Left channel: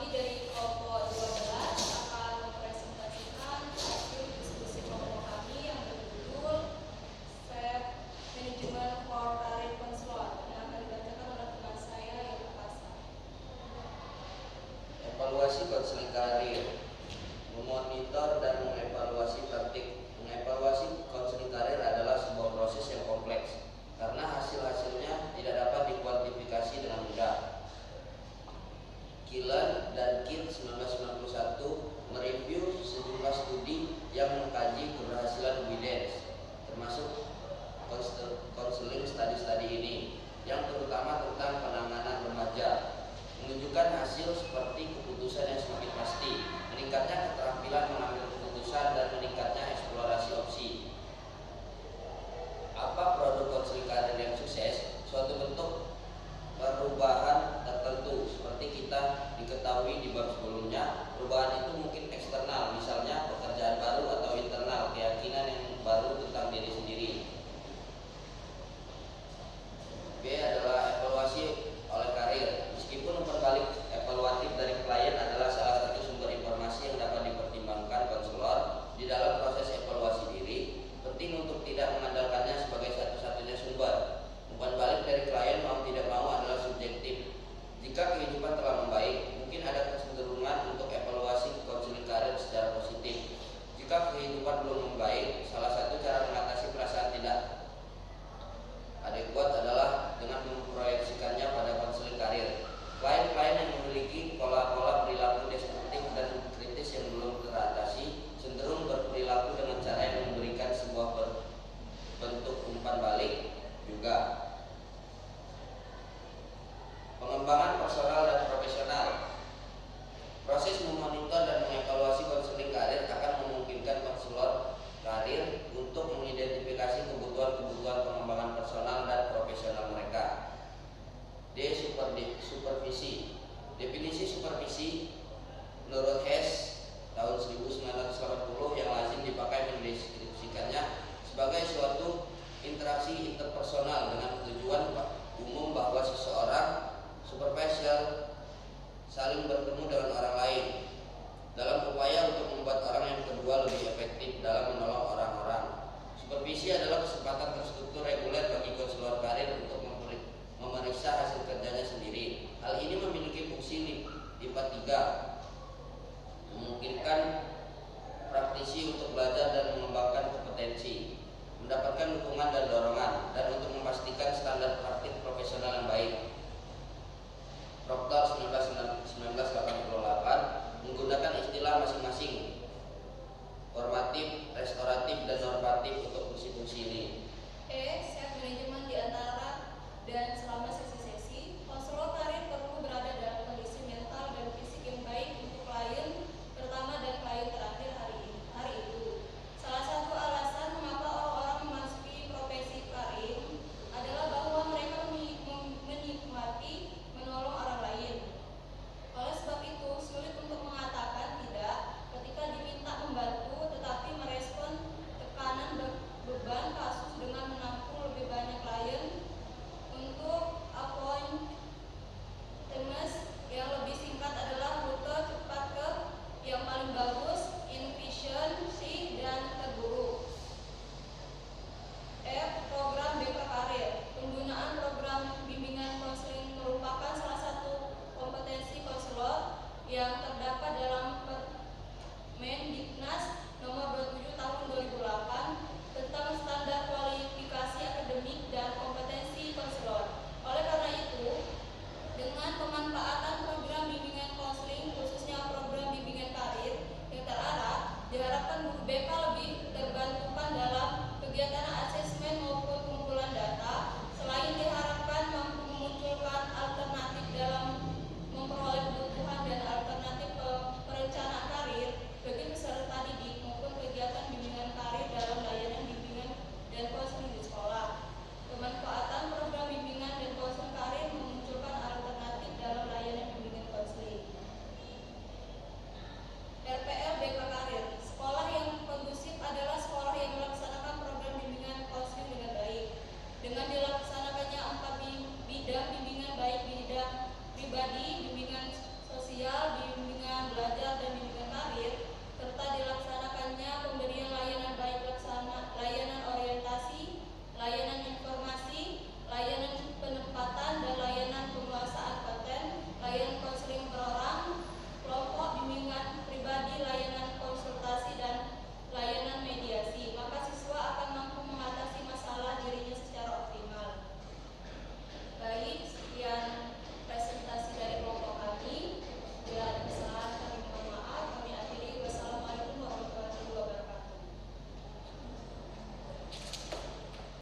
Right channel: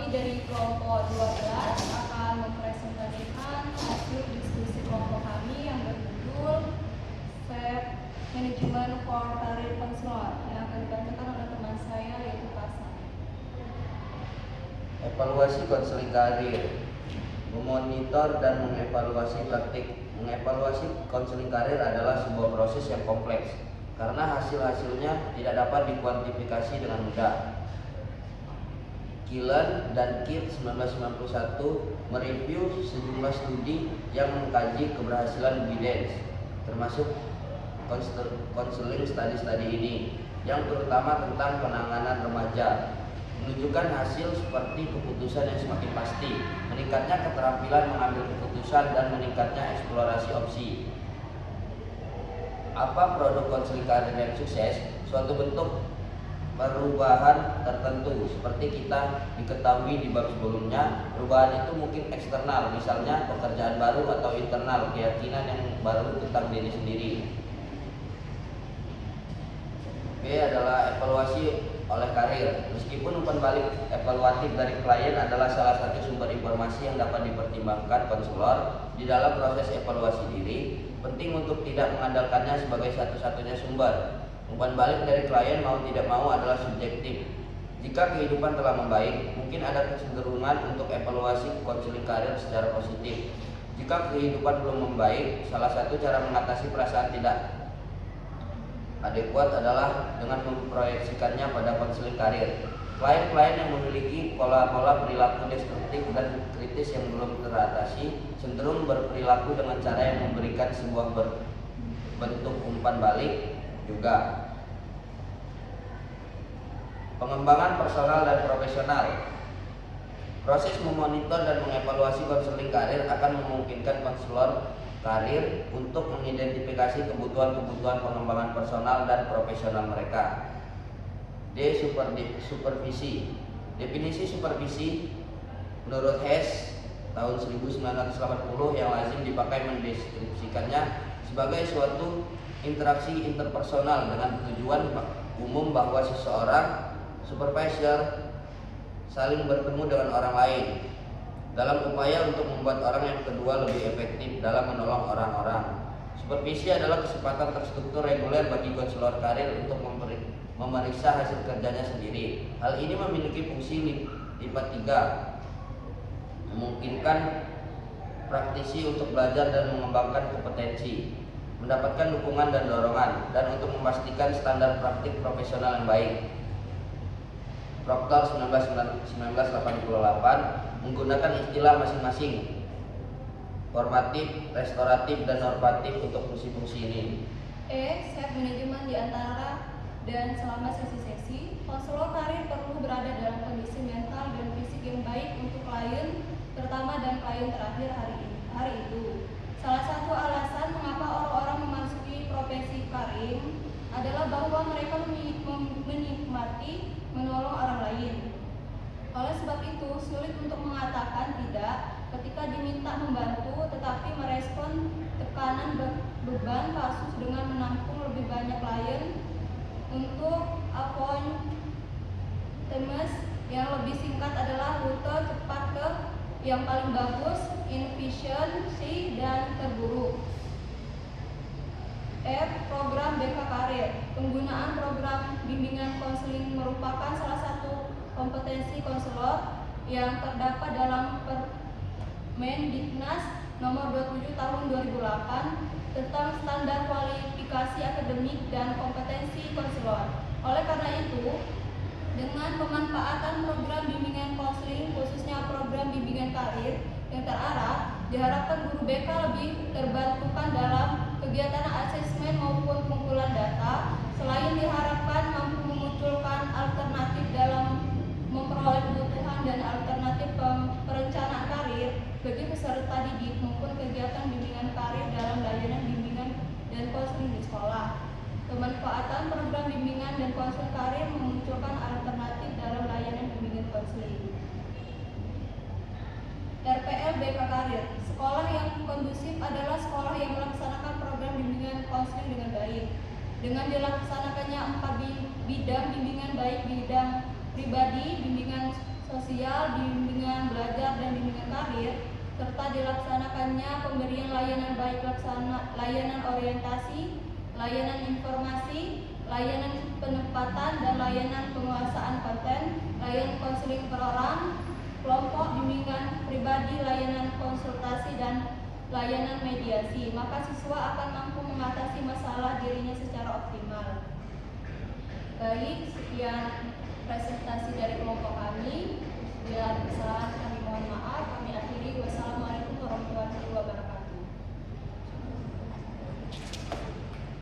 kami dari kelompok 12 akan mempresentasikan hasil diskusi kelompok kami yang berjudul Self Management for Career Counselor yang akan dibacakan oleh teman saya yaitu Kasam. Evaluasi konseling karir, memonitor dan mengevaluasi praktik. Mengevaluasi konseling karir adalah sebuah proses yang kompleks karena hasil-hasilnya tidak dapat dikuantifikasi dengan mudah. Gillen dan Kidd 1991 mereview sejumlah studi yang mengkaji keberhasilan evidence, termasuk konseling studi-studi ini, yang terutama tentang penanganan remaja, menunjukkan hasil seperti keputusan yang semakin pasti, meningkatnya keterampilan mengambil keputusan, dan meningkatnya eksplorasi opsi. Apa produk konseling karir yang sukses? Suatu bentuk perubahan tertentu seperti kita diketahui di bab sebelumnya. Perubahan itu mungkin eksternal, misalnya pekerjaan baru, atau internal, keyakinan yang baru tentang diri sendiri. B adalah evaluasi oleh karir. Meskipun umpan balik evaluatif dari klien adalah salah satu sumber informasi yang dapat dipertimbangkan konselor di dalam proses evaluasi diri, penting untuk tidak mengandalkannya sebagai satu-satunya sumber. Umpan balik dari klien mau tidak mau adalah subjektif. Jika kehidupan telah membaik, mungkin ada kecenderungan untuk evaluasi konseling karir secara positif. Jika kehidupan belum membaik, salah satu cara mengatasi perasaan tidak adekuat adalah dengan memproyeksikannya pada konseling karir. Klien-klien yang memiliki pola-pola perilaku destruktif dan kritis yang belum teratasi cenderung berperilaku dengan cara yang memberikan sebuah bentuk umpan balik juga. Pengembangan personal dan profesional. Proses memonitor dan mengevaluasi konseling karir akan memungkinkan konselor karir untuk mengidentifikasi kebutuhan-kebutuhan pengembangan personal dan profesional mereka. D. Supervisi. Definisi supervisi menurut Hess tahun 1980 yang lazim dipakai mendeskripsikannya sebagai suatu interaksi interpersonal dengan tujuan umum bahwa seseorang supervisor saling bertemu dengan orang lain dalam upaya untuk membuat orang yang kedua lebih efektif dalam menolong orang-orang. Supervisi adalah kesempatan terstruktur reguler bagi konselor karir untuk memeriksa hasil kerjanya sendiri. Hal ini memiliki fungsi lipat 3, memungkinkan praktisi untuk belajar dan mengembangkan kompetensi, mendapatkan dukungan dan dorongan, dan untuk memastikan standar praktik profesional yang baik. Proctor 1988 menggunakan istilah masing-masing, formatif, restoratif, dan normatif untuk fungsi-fungsi ini. E. Self management di antara dan selama sesi-sesi, konselor karir perlu berada dalam kondisi mental dan fisik yang baik untuk klien pertama dan klien terakhir hari itu. Salah satu alasan mengapa orang-orang memasuki profesi karir adalah bahwa mereka menikmati menolong orang lain. Oleh sebab itu, sulit untuk mengatakan tidak ketika diminta membantu, tetapi merespon tekanan beban kasus dengan menampung lebih banyak klien untuk appointments yang lebih singkat adalah rute cepat ke yang paling bagus, inefficiency, dan terburuk. F. Program BK Karir. Penggunaan program bimbingan konseling merupakan salah satu kompetensi konselor yang terdapat dalam Permendiknas nomor 27 tahun 2008 tentang standar kualifikasi akademik dan kompetensi konselor. Oleh karena itu, dengan pemanfaatan program bimbingan konseling, khususnya program bimbingan karir yang terarah, diharapkan guru BK lebih terbantukan dalam kegiatan asesmen maupun pengumpulan data. Selain diharapkan mampu memunculkan alternatif dalam memperoleh kebutuhan dan alternatif perencanaan karir bagi peserta didik maupun kegiatan bimbingan karir dalam layanan bimbingan dan konseling di sekolah. Pemanfaatan program bimbingan dan konseling karir memunculkan alternatif dalam layanan bimbingan konseling. RPL BK Karir. Sekolah yang kondusif adalah sekolah yang melaksanakan program bimbingan konseling dengan baik. Dengan dilaksanakannya 4 bidang bimbingan, baik bidang pribadi, bimbingan sosial, bimbingan belajar dan bimbingan karir, serta dilaksanakannya pemberian layanan baik layanan orientasi, layanan informasi, layanan penempatan dan layanan penguasaan konten, layanan konseling per orang, kelompok bimbingan pribadi, layanan konsultasi dan layanan mediasi. Maka siswa akan mampu mengatasi masalah